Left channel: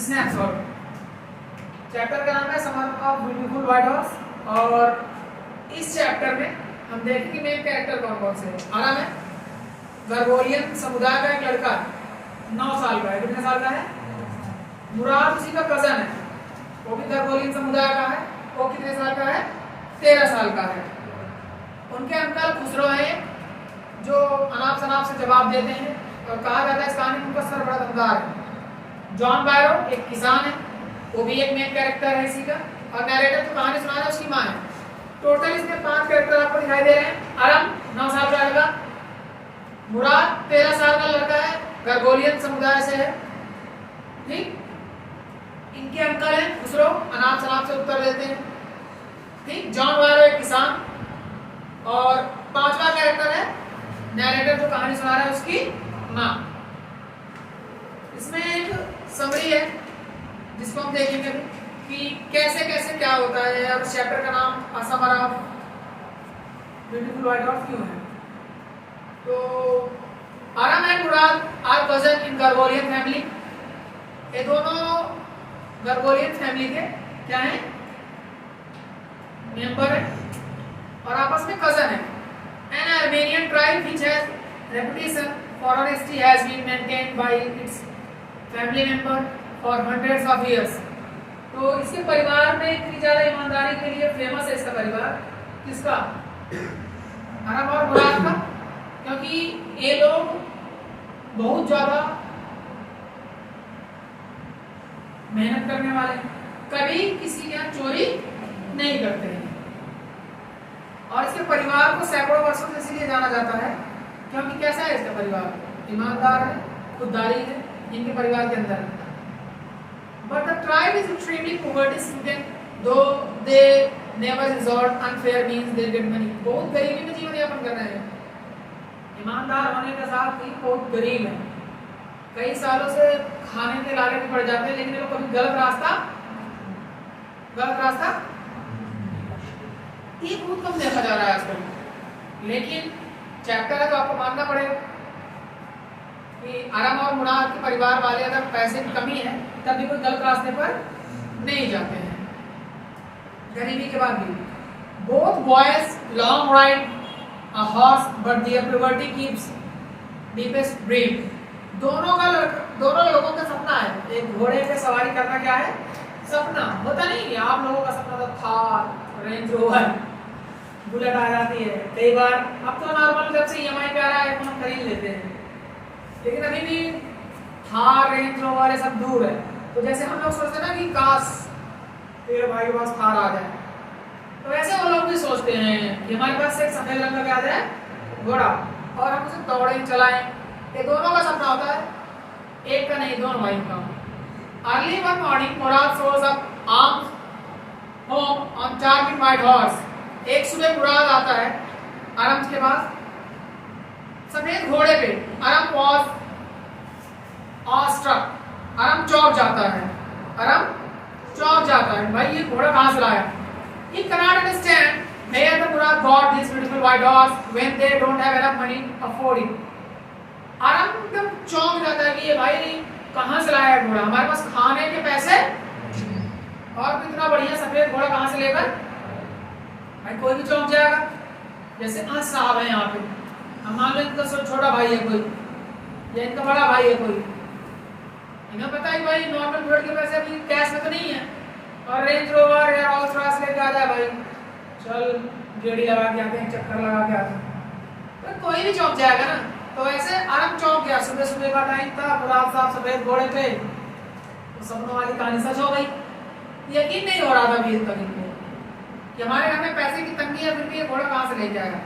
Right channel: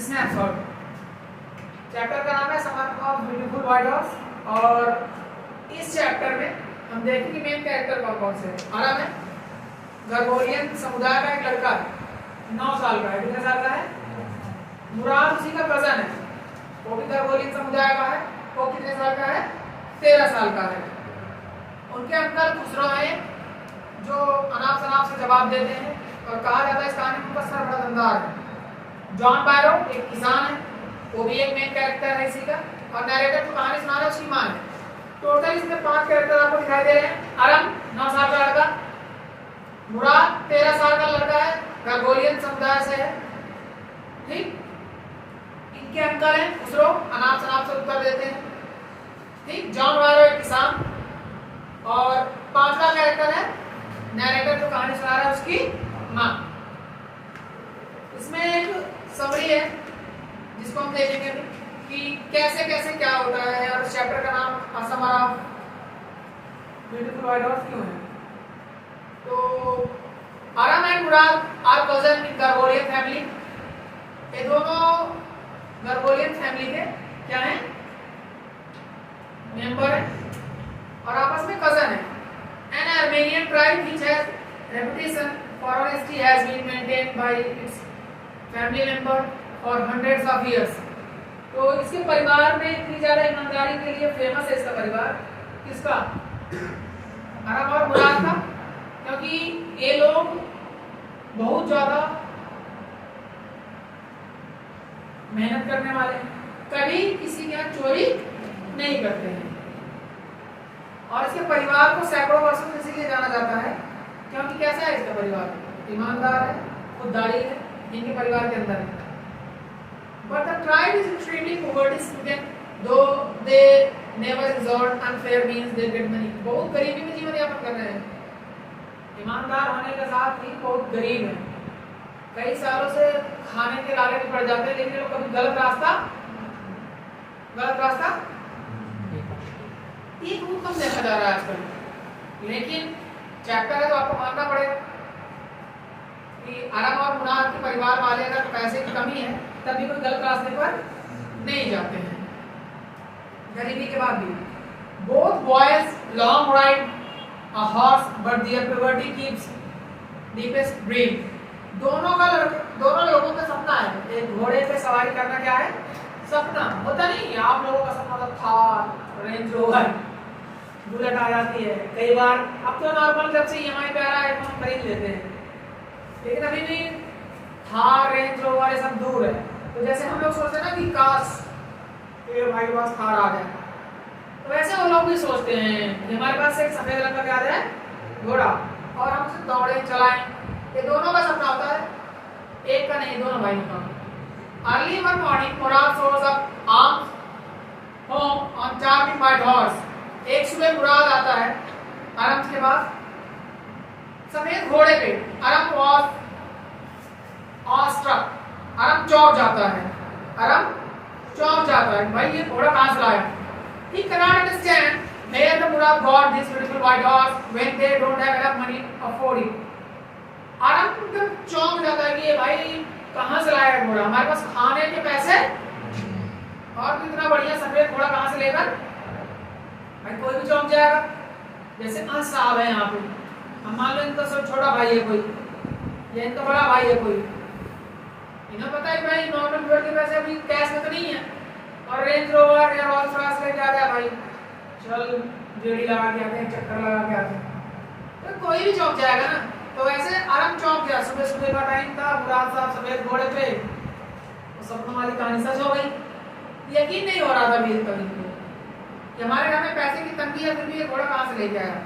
Snapshot. Chapter का नाम है summer of beautiful white horse, और इस चैप्टर में हम देखेंगे मेन कैरेक्टर कौन कौन से हैं। आराम है, गर्गोरियन समुदाय का एक लड़का है, 9 साल का है। कितने साल का है? मुराद उसी का कजन है, वो भी गर्गोरियन समुदाय का है। वो कितने साल का है? 13 साल का है। उनके अंकल खुसरो हैं जो अनाप शनाप से जवाब देते हैं, और कहा जाता है इस कहानी में उनका सर बड़ा दमदार है। जॉन बायरो एक किसान है, वो भी एक मेन कैरेक्टर है इसी का, और नैरेटर जो कहानी सुना रहा है उसकी माँ है। टोटल इसमें 5 कैरेक्टर आपको दिखाई दे रहे हैं। अरम 9 साल का लड़का, मुराद 13 साल का लड़का है, गर्गोरियन समुदाय से है। ठीक, इनके अंकल हैं खुसरो, अनाप शनाप से उत्तर देते हैं। ठीक, जॉन बायरो एक किसान, और 5वां कैरेक्टर है नैरेटर जो कहानी सुना रहा है उसकी माँ। इसमें एक समरी है जिसको हम देखेंगे कि कैसे कैसे क्या होता है, और चैप्टर का नाम summer of beautiful white horse क्यों है। तो Aram and Mourad are cousin in Garoghlanian family. ये दोनों गर्गोरियन फैमिली के क्या है? मेंबर है, और आपस में कजन है। An Armenian tribe which has reputation for honesty has been maintained by its family member for hundreds of years. तो इसके परिवार में इतनी ज्यादा ईमानदारी के लिए फेमस है इसका परिवार। किसका? अरब और मुराद का, क्योंकि ये लोग बहुत ज्यादा मेहनत करने वाले हैं, कभी किसी का चोरी नहीं करते हैं। और इसके परिवार को सैकड़ों वर्षों से इसीलिए जाना जाता है क्योंकि कैसा है इसका परिवार? ईमानदार है, खुददारी है इनके परिवार के अंदर। But the tribe is extremely poverty stricken, though they never resort unfair means they get money. बहुत गरीबी में जीवन यापन कर रहे हैं। ईमानदार होने के साथ ही बहुत गरीब है, कई सालों से खाने के लाले में पड़ जाते हैं, लेकिन ये लोग कभी गलत रास्ता ये बहुत कम देखा जा रहा है आजकल। लेकिन चैप्टर है तो आपको मानना पड़ेगा कि अरम और मुराद के परिवार वाले अगर पैसे की कमी है तब भी कोई गलत रास्ते पर नहीं जाते हैं, गरीबी के बाद भी। Both boys long ride a horse but there poverty keeps deepest dream. दोनों लोगों का सपना है, एक घोड़े पे सवारी करना। क्या है सपना? होता नहीं आप लोगों का सपना तो थार, रेंज रोवर, बुलेट आ जाती है कई बार। अब तो नॉर्मल जब से ईएमआई पे आ रहा है हम खरीद लेते हैं, लेकिन अभी भी थार, रेंज रोवर ये सब दूर है। तो जैसे हम लोग सोचते हैं ना कि काश तेरे भाई के पास थार आ गया, तो वैसे वो लोग भी सोचते हैं कि हमारे पास एक सफेद रंग का क्या है घोड़ा, और हम उसे दौड़े चलाएं। ये दोनों का सपना होता है, एक का नहीं, दोनों भाइयों का। Early one morning Murad shows up armed home on charging white horse. एक सुबह मुराद आता है अरम के पास सफेद घोड़े पे। अरम was awestruck. अरम चौंक जाता है, भाई ये घोड़ा कहाँ से लाया? He cannot understand where the Murad got this beautiful white horse when they don't have enough money to afford it. अरम एकदम चौंक जाता है कि ये भाई कहाँ से लाया घोड़ा, हमारे पास खाने के पैसे और इतना बढ़िया सफेद घोड़ा कहाँ से लेकर? भाई कोई भी चौंक जाएगा। जैसे 5 साहब है यहाँ पे, हम मान लो इनका छोटा भाई है कोई, या इनका बड़ा भाई है कोई, इन्हें पता है भाई नॉर्मल ब्लड के पैसे अभी कैश में तो नहीं है, और रेंज रोवर या रोल्स रॉयस लेके आ जाए भाई, चल गेड़ी लगा के आते हैं, चक्कर लगा के आते हैं, तो कोई भी चौंक जाएगा ना। तो ऐसे अरम चौंक गया, सुबह सुबह का टाइम था, मुराद साहब सफेद घोड़े पे, तो सपनों वाली कहानी सच हो गई। यकीन नहीं हो रहा था अभी तक इनको कि हमारे घर में पैसे की तंगी है, फिर भी ये घोड़ा कहाँ से लेके आएगा।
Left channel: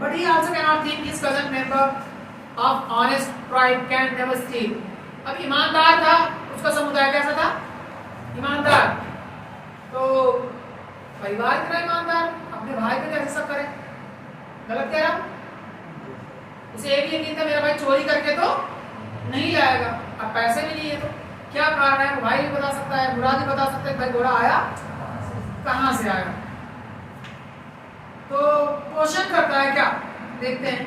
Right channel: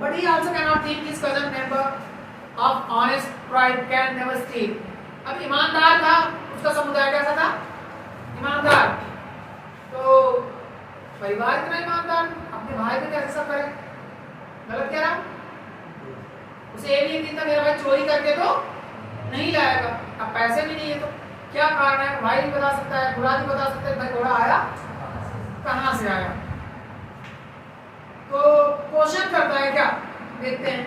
But he also can not think his cousin member of honest tribe can never steel. अब ईमानदार था, उसका समुदाय कैसा था? ईमानदार। तो परिवार इतना ईमानदार, अपने भाई को कैसे सब करे? गलत कह रहा। उसे ये भी यकीन था मेरा भाई चोरी करके तो नहीं लाएगा, अब पैसे भी नहीं है तो क्या कारण है? भाई भी बता सकता है, मुराद भी बता सकता है भाई घोड़ा आया कहाँ से आया। तो क्वेश्चन करता है क्या, देखते हैं।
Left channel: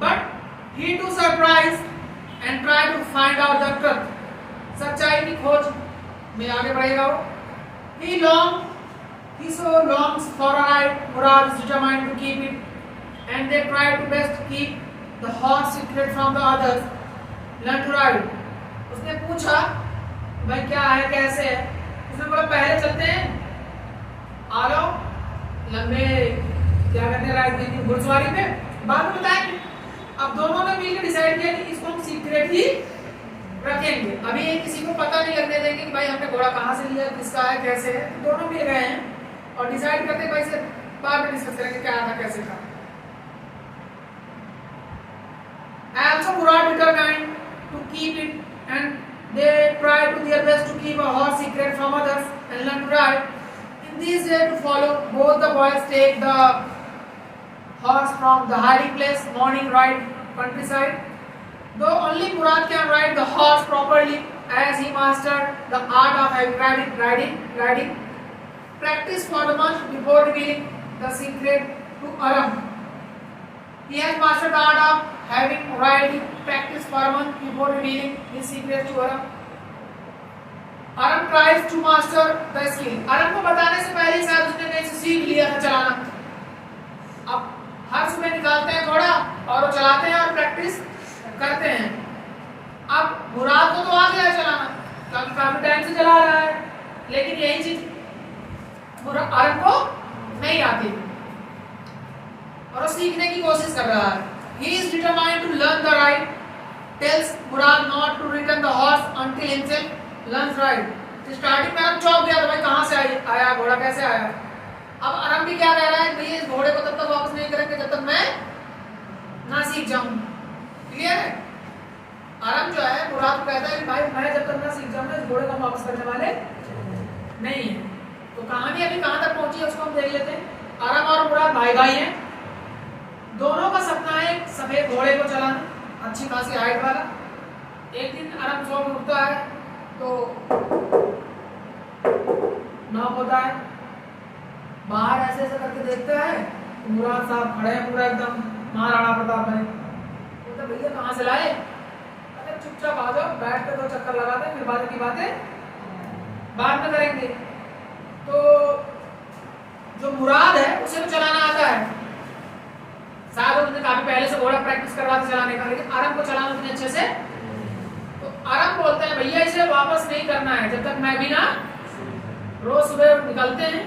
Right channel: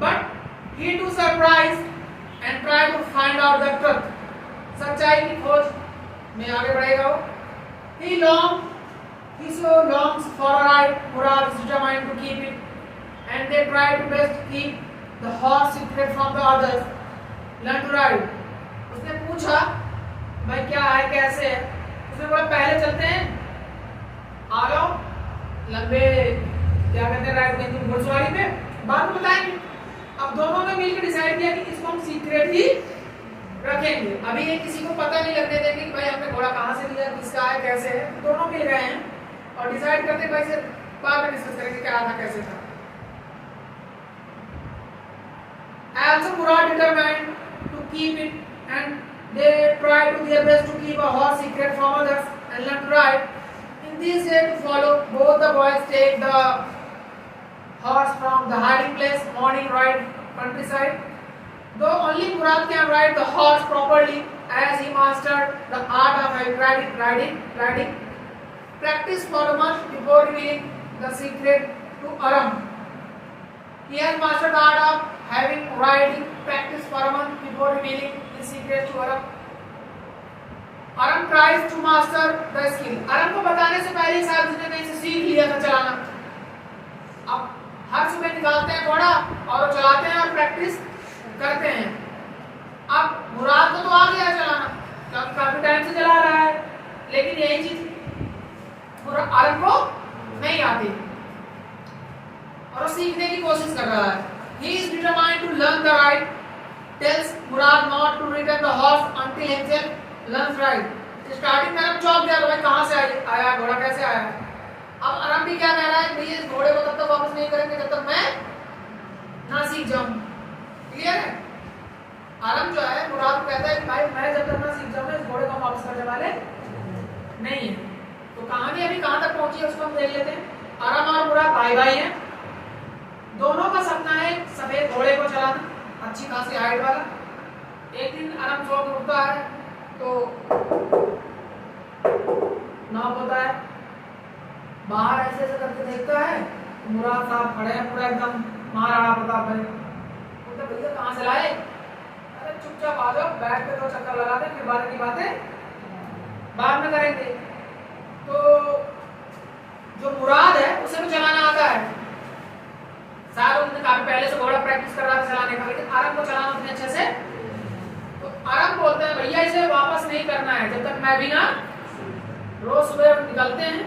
But he too surprised and try to find out the truth. सच्चाई की खोज में आगे बढ़ेगा वो. He so longs for a ride. Murad is determined to keep it, and they try to best keep the horse secret from the others. Learn to ride. उसने पूछा भाई क्या है कैसे है. उसने बोला पहले चलते हैं, आ जाओ लंबे क्या कहते हैं राइड में घुड़सवारी पे, बाद में बताएंगे. अब दोनों ने मिलकर डिसाइड किया कि इसको हम सीक्रेट ही रखेंगे. अभी ये किसी को पता नहीं लगने देंगे कि भाई हमने घोड़ा कहाँ से लिया, किसका है, कैसे है. दोनों मिल गए हैं और डिसाइड करते भाई से बाद में डिस्कस करेंगे क्या था कैसे था. Also Murad determined to keep it, and they tried to their best to keep a horse secret from others and learn to ride. In these days to follow, both the boys take the horse from the hiding place, morning ride, countryside. Though only Murad can ride the horse properly, as he mastered the art of having riding. Practice for a month before revealing the secret to Aram. He has mastered the art of having riding. Practice for a month before revealing his secret to Aram. Aram tries to master the skill. Aram को बताने से पहले ही शायद उसने कहीं से सीख लिया था चलाना. अब हर सुबह निकालते हैं घोड़ा और चलाते हैं और प्रैक्टिस करते हैं. अब मुराद को तो आ गया चलाना, काफी टाइम से चला रहा है, लेकिन यही चीज अरब को नहीं आती और वो सीखने की कोशिश कर रहा है. He is determined to learn the ride. Tells Murad not to return the horse until himself learns ride. Starting में अरब चौंक गया तो भाई कहाँ से आया घोड़ा कैसे आया. अब अरब भी क्या कह रहा है, भाई इस घोड़े को तब तक वापस नहीं करेंगे जब तक मैं ना सीख जाऊं. क्लियर है. अरब जो है मुराद को कहता है कि भाई मैं जब तक ना सीख जाऊं इस घोड़े को वापस करने वाले नहीं है. तो कहानी अभी कहां तक पहुंची है उसको हम देख लेते हैं. अरब और मुराद भाई भाई हैं. दोनों का सपना है सफेद घोड़े को चलाना, अच्छी खासी हाइट वाला. एक दिन अरब सो के उठता है तो नाप होता है, बाहर ऐसे ऐसे करके देखता है मुराद साहब खड़े हैं पूरा एकदम महाराणा प्रताप भाई. तो भैया कहाँ से लाए. अरे चुपचाप आ जाओ, बैठ के 2 चक्कर लगा दे, फिर बात की बातें बाद में करेंगे. तो जो मुराद है उसे भी चलाना आता है. शायद उसने काफी पहले से घोड़ा प्रैक्टिस कर रहा था चलाने का, लेकिन अरब को चलाना उतने अच्छे से. तो अरब बोलते हैं भैया इसे वापस नहीं करना है जब तक मैं भी ना. रोज सुबह निकलते हैं,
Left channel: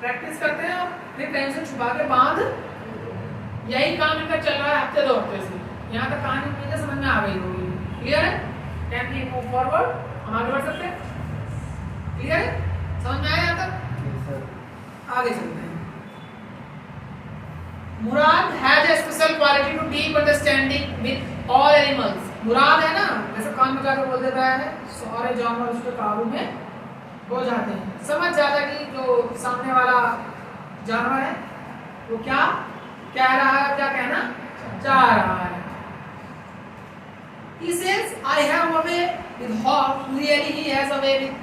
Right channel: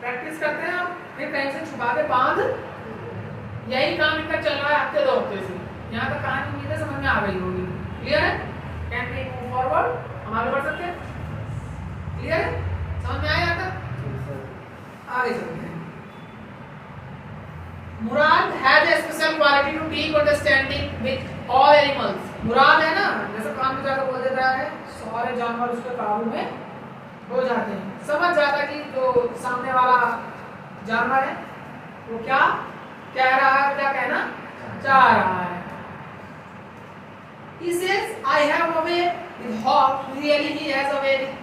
प्रैक्टिस करते हैं और फिर कहीं से छुपा के बांध. यही काम इनका चल रहा है हफ्ते 2 हफ्ते से. यहाँ तक कहानी उम्मीद समझ में आ गई होगी. क्लियर है. Can we move forward. हम आगे बढ़ सकते हैं. क्लियर है. समझ में आया यहाँ तक. आगे चलते हैं. Mourad has a special quality to deep understanding with all animals. Mourad है ना जैसे कान में जाकर बोल देता है सारे जानवर उसके काबू में हो जाते हैं. समझ जाता है कि जो सामने वाला जानवर है वो क्या कह रहा है, क्या कहना चाह रहा है. He says, I have a way with horse. Really he has a way with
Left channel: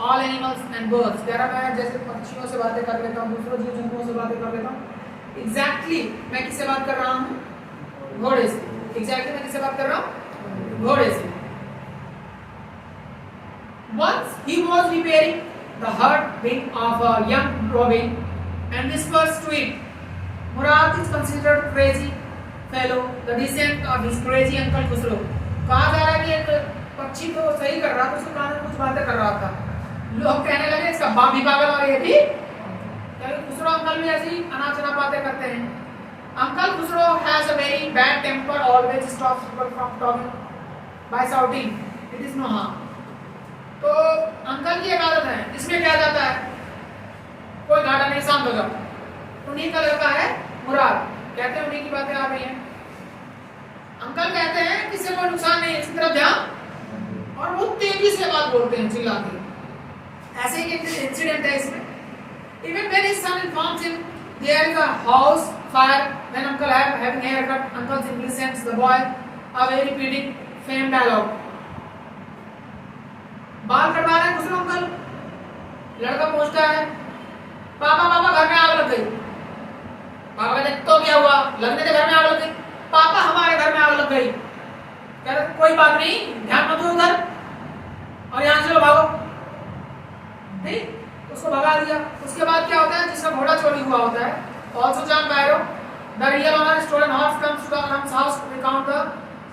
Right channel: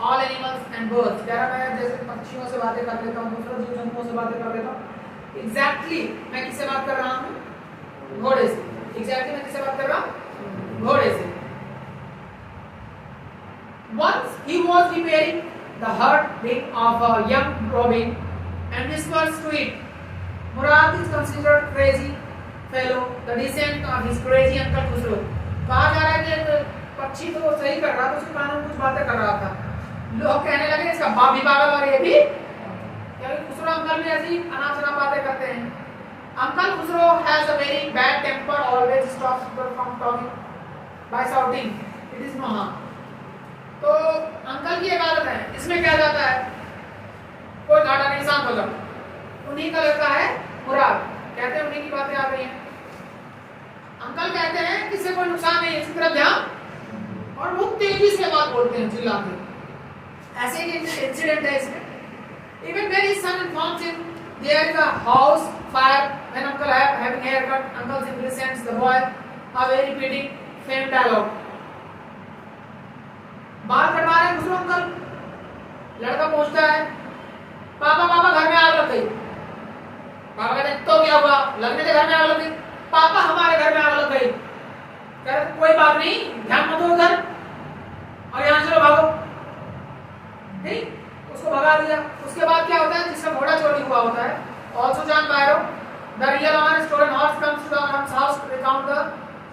all animals and birds. कह रहा मैं जैसे पक्षियों से बातें कर लेता हूँ, दूसरे जीव जंतुओं से बातें कर लेता हूँ. Exactly मैं किससे बात कर रहा हूँ, घोड़े से. Exactly मैं किससे बात कर रहा हूँ, घोड़े से. Once he was repairing the hurt wing of a young robin and whispers to it, Murad is considered crazy fellow, the descent of his crazy uncle Khusro. कहा जा रहा है कि एक पक्षी तो सही कर रहा था, उसके कान में कुछ बातें कर रहा था. लोग कहने लगे इसका बाप भी पागल और ये भी. क्योंकि खुसरो अंकल भी ऐसी अनाप शनाप बातें करते हैं. Uncle Khusro has a very bad temper, always stops people from talking by shouting. It is no harm. तो अंकल की एक आदत है, इसमें क्या जाता है कोई घाटा नहीं, शांत हो जाओ. उन्हीं का लड़का है मुराद. कहते हैं उन्हीं की बातें आ रही हैं. अंकल कहते हैं किसी को नुकसान नहीं है, इसकी तरफ ध्यान. और बहुत तेजी से बात बोलते हैं चिल्ला के. ऐसे ही एक इंसिडेंट है इसमें. Even when his son informs him there is a house fire when uncle having a haircut, uncle simply sends the boy away repeating same dialogue. बाल कटवा रहे हैं खुसरो अंकल. लड़का पूछता है पापा पापा घर में आग लग गई. पापा कहते तो क्या हुआ, लगने से घर में आग लग गई. पापा हमारे घर में आग लग गई. कह रहे कोई बात नहीं, ध्यान मत दो उधर और यहाँ से भागो, ठीक, उसको भगा दिया। उसके बाद क्या होता है, जिसका घोड़ा चोरी हुआ होता है, also John Byro the real owner stolen horse comes to the owner's house to recount the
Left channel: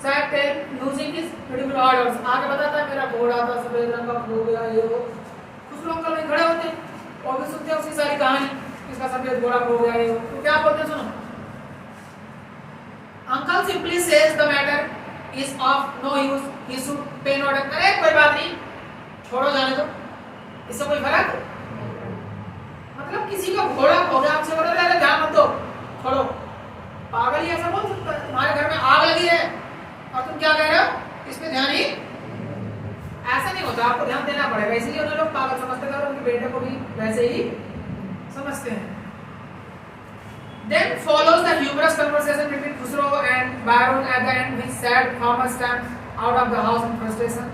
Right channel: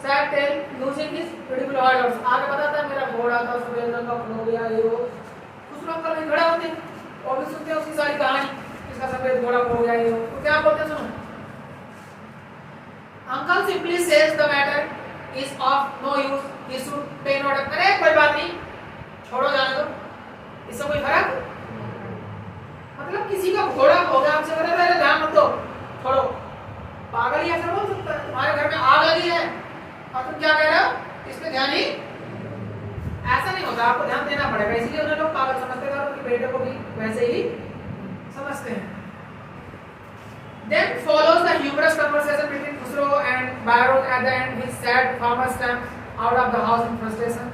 sad tale losing his beautiful orders. आगे बताता है मेरा घोड़ा था सफेद रंग का, खो गया, ये वो। कुछ लोग कल खड़े होते हैं और भी सुनते हैं उसकी सारी कहानी, इसका सफेद घोड़ा खो गया, ये वो। तो क्या बोलते हैं सुनो, uncle simply says the matter is of no use, he should pay no attention. अरे कोई बात नहीं, छोड़ो, जाने दो, इससे कोई फर्क, मतलब किसी का घोड़ा खो गया, हमसे बोला पहले ध्यान मत दो, छोड़ो। पागल ही ऐसा बोल सकता है? तुम्हारे घर में आग लगी है और तुम क्या कह रहे हो, इस पे ध्यान ही, ऐसा नहीं होता, आपको ध्यान देना पड़ेगा। इसलिए उन्हें लोग पागल समझते हैं और उनके बेटे को भी वैसे ही समझते हैं। Then follows the humorous conversation between Khusro and Byron at the end, which sad farmer stamps out of the house in frustration.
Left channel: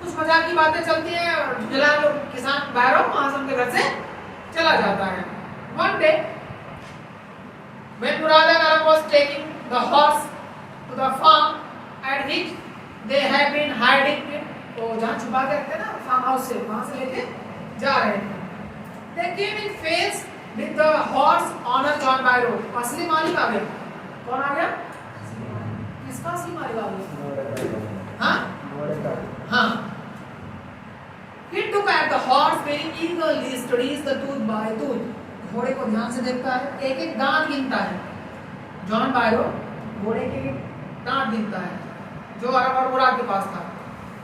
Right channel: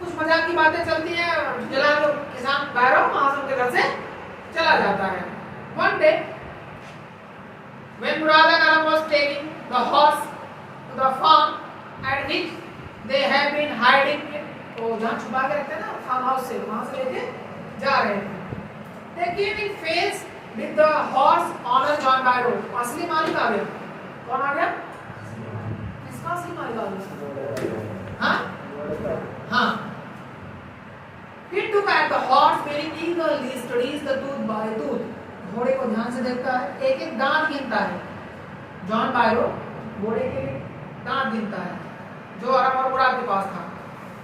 कुछ मजाक की बातें चलती हैं और जलाल किसान बायरों वहां से उनके घर से चला जाता है। One day, when Murad and Aram was taking the horse to the farm at which they had been hiding it, वो जहाँ छुपा के रखते हैं ना फार्म हाउस से, वहां से लेके जा रहे थे। They came in face with the horse owner John Barrow. असली मालिक आ गया। कौन आ गया? किसका असली मालिक आ गया? हाँ। He took at the horse very eagerly studies the tooth by tooth. घोड़े को ध्यान से देखता है, एक एक दांत गिनता है। जॉन बायरो घोड़े के दांत गिनता है, जो अरब और मुराद के पास था।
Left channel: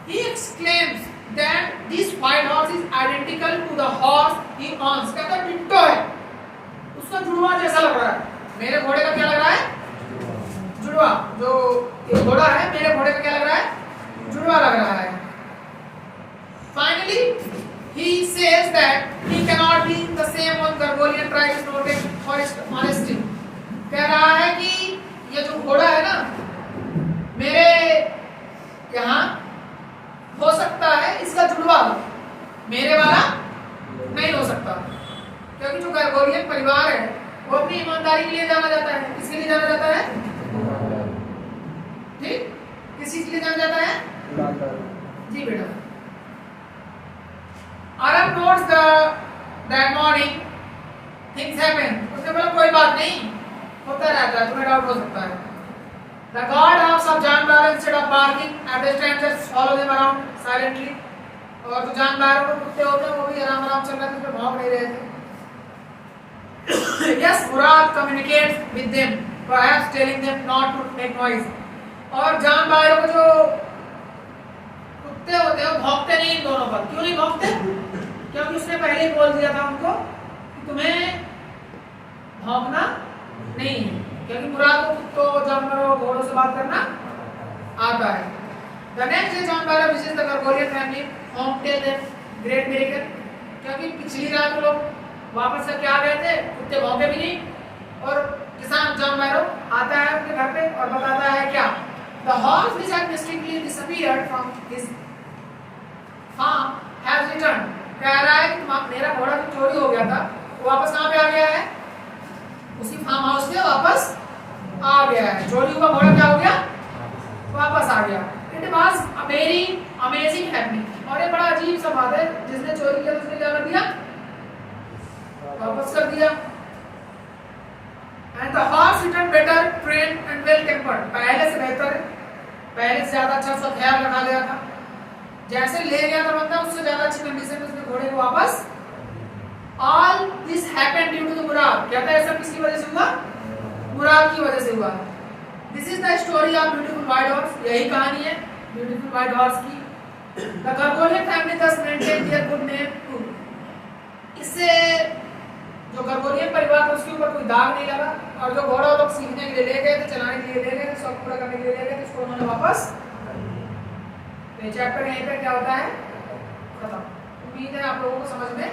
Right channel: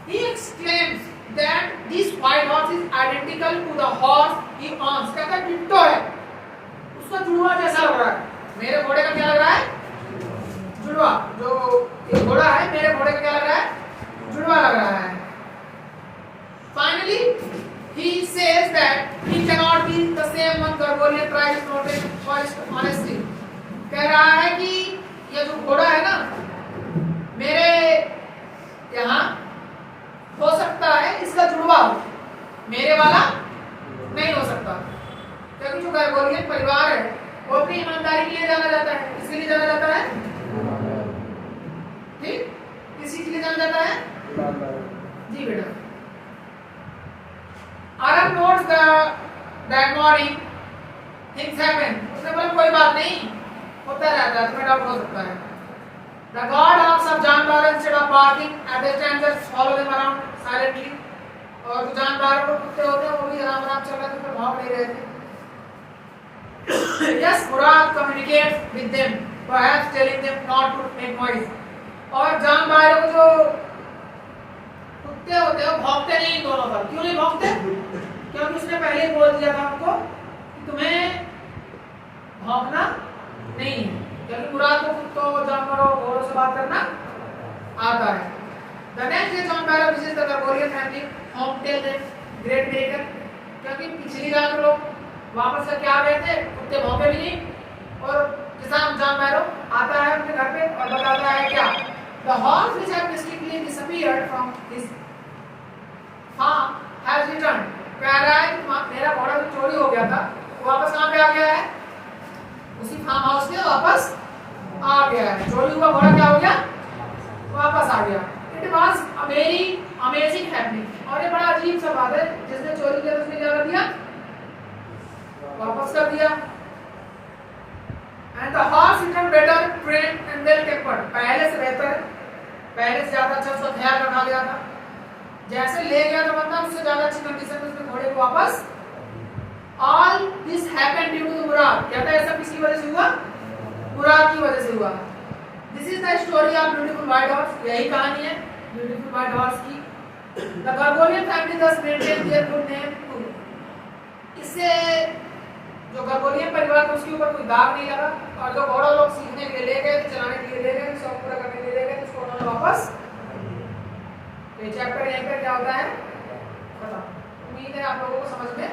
He exclaims that this white horse is identical to the horse he owns. कहता है डिट्टो है, उसका जुड़वा जैसा लग रहा है। मेरे घोड़े का क्या लग रहा है? जुड़वा। जो ये घोड़ा है, मेरे घोड़े का क्या लग रहा है? जुड़वा लग रहा है। Finally, he says that he cannot be the same one. Gargolian tries to protect for his honesty. कह रहा है कि ये जो घोड़ा है ना, मेरे यहाँ हो सकता है इसका जुड़वा हो, मेरे वाला नहीं हो सकता, क्योंकि जो गर्गोरियन परिवार है वो अपनी ईमानदारी के लिए जाना जाता है। किसके लिए जाना जाता है? ठीक, किसी के लिए जाना जाता है? जी बेटा। Aram notes that morning things happen. उसने बोला कोई बात नहीं, होता रहता है, तुम्हें डाउट हो सकता है। The guard dogs of John Barrow instead of barking at the strangers follow them around silently. और जो जान बारो को कुत्ते होते हैं वो भी आराम आराम चल रहे थे, भौंक नहीं रहे थे। Yes, Murad communicates with them, perhaps telling them not to make noise. और जान बारो को जो कुत्ते होते हैं वो भौंकते नहीं इन दोनों पर। क्यों नहीं भौंकते? क्योंकि उसने पहले ही बोल दिया था उनको कि तुम्हें भौंकना नहीं है, क्योंकि मुराद को कुत्तों, जानवरों, घोड़ों से बात करना आता है। The next day John Barrow visits the Gargolian family, home tell them great miracle. क्योंकि पिछली रात वो लोग वापस से क्या गए थे, कुत्ते भौंके भी नहीं, और किसान जॉन बैरो आता है अपने घर पे और बताता है क्या, The horse which had mistakenly disappeared from his farm has returned. कह रहा है कि मेरा घोड़ा जो चोरी हो गया था वो वापस कहाँ पे आ गया है? उसी फार्म हाउस में वापस आ गया है। चोरी हुआ घोड़ा क्या हो गया? वापस आ गया। It was a very amazing happening. और ये बड़ा अजीब सा बात है, जिसने चोरी किया उसने क्या कर दिया? वापस कर दिया। And the horse returned better trained and well tempered. पहले से बेहतर, पहले से ज्यादा अच्छा उसका ख्याल रखा गया था। जैसे ले गया था मतलब उससे ज्यादा अच्छी कंडीशन में उसने घोड़े को वापस। All this happened due to the Murad. कहता है सब किसकी वजह से हुआ? मुराद की वजह से हुआ। This is the story of beautiful white horse. यही कहानी है beautiful white horse की। The Gargolian family thus maintained their good name too. इससे जो गर्गोरियन परिवार उसके ऊपर कोई दाग नहीं लगा, और जो घोड़ा लोग सीखने के लिए ले गए थे, चलाने के लिए ले गए थे, शौक पूरा करने के लिए ले गए थे, उसको उन्होंने वापस। ये चैप्टर यहीं पे क्या होता है खत्म। उम्मीद है आप लोगों को समझ में